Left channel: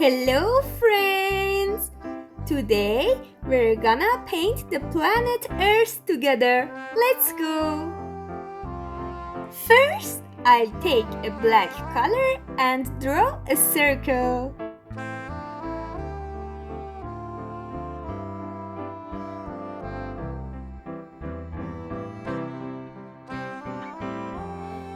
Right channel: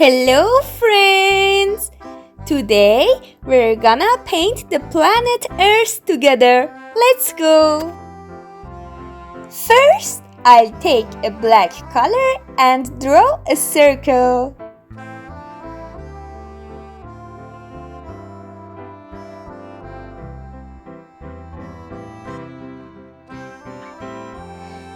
Hello friends! Today we're gonna paint the planet Earth together. Let's go! First, I'll take a black color and draw a circle.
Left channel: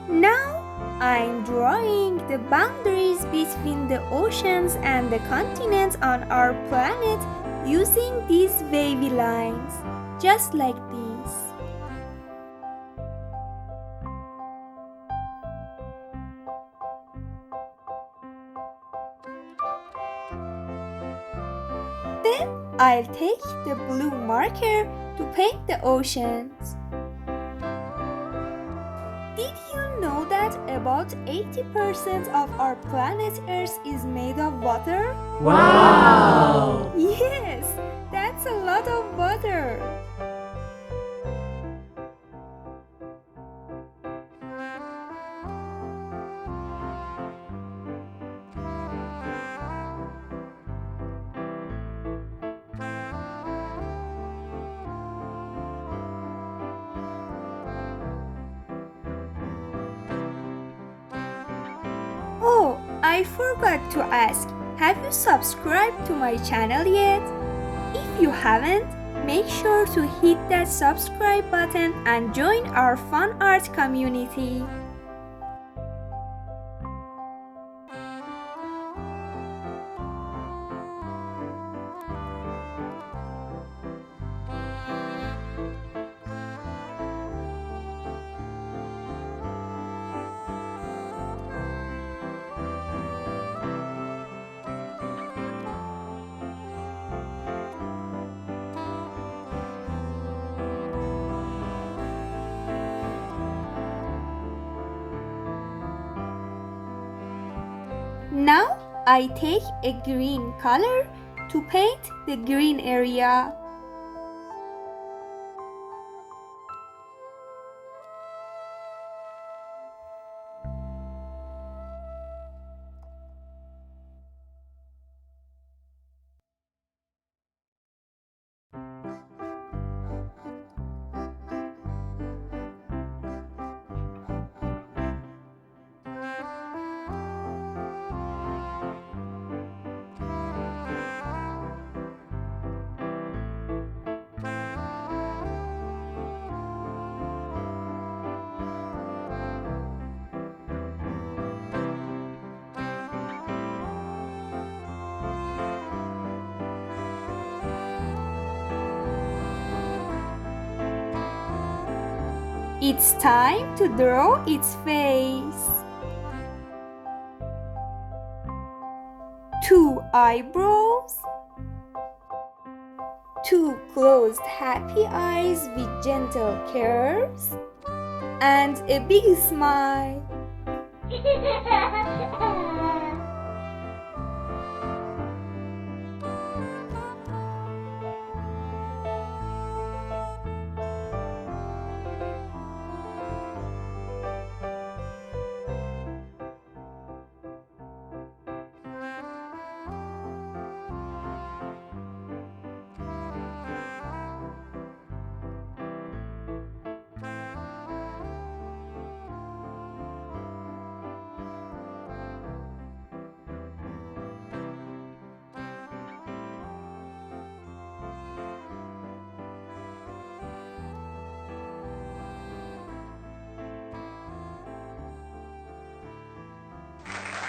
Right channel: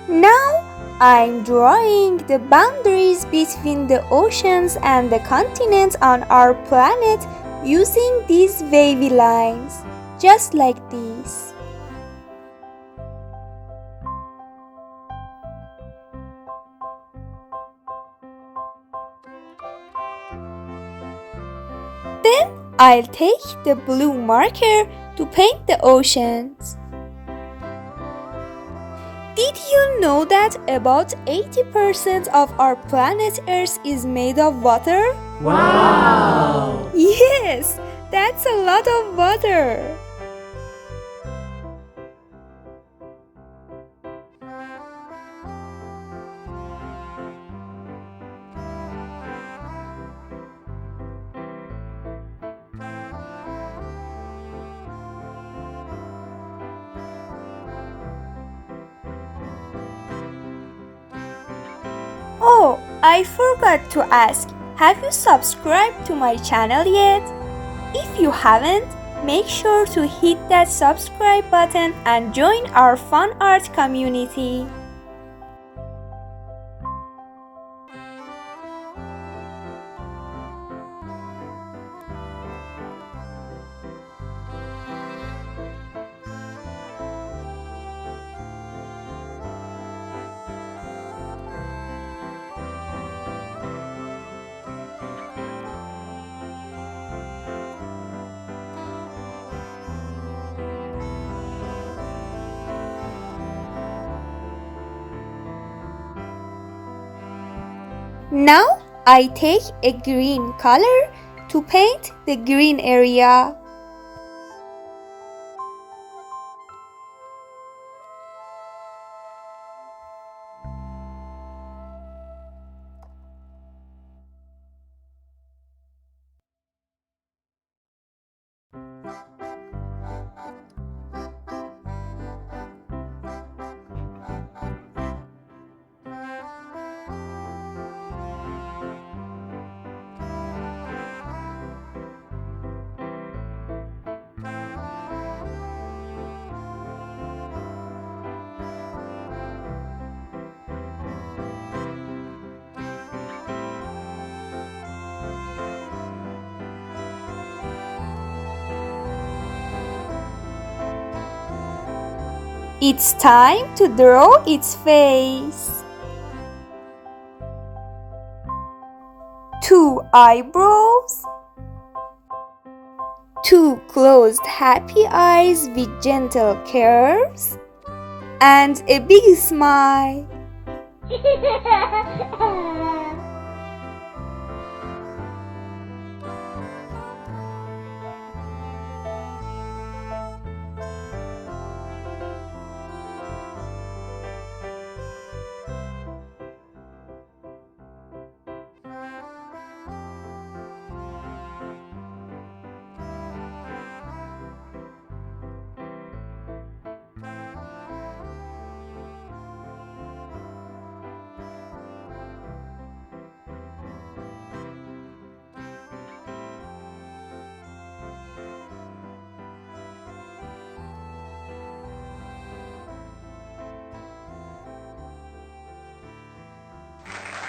Now I'm drawing the boundaries between the oceans and the continents on our planet using these wavy lines, just like these. Then I'll take the blue marker to paint the oceans. Did you know that about 80% of our planet Earth is made of water? Wow! Yes, that's a lot of water. Oh, I forgot to ask, have you subscribed to my channel yet? If you haven't, make sure to hit that subscribe button and join our fun art community. Now I take a green color to paint the green area. It's time to draw its face. 2 eyebrows, 2 closed happy eyes with gentle curves, and a big smile.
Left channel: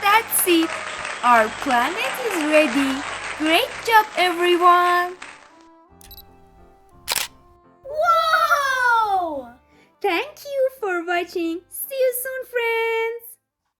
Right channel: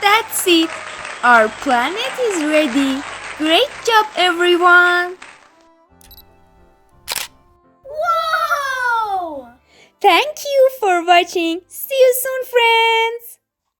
That's it. Our planet is ready. Great job, everyone. Wow! Thank you for watching. See you soon, friends.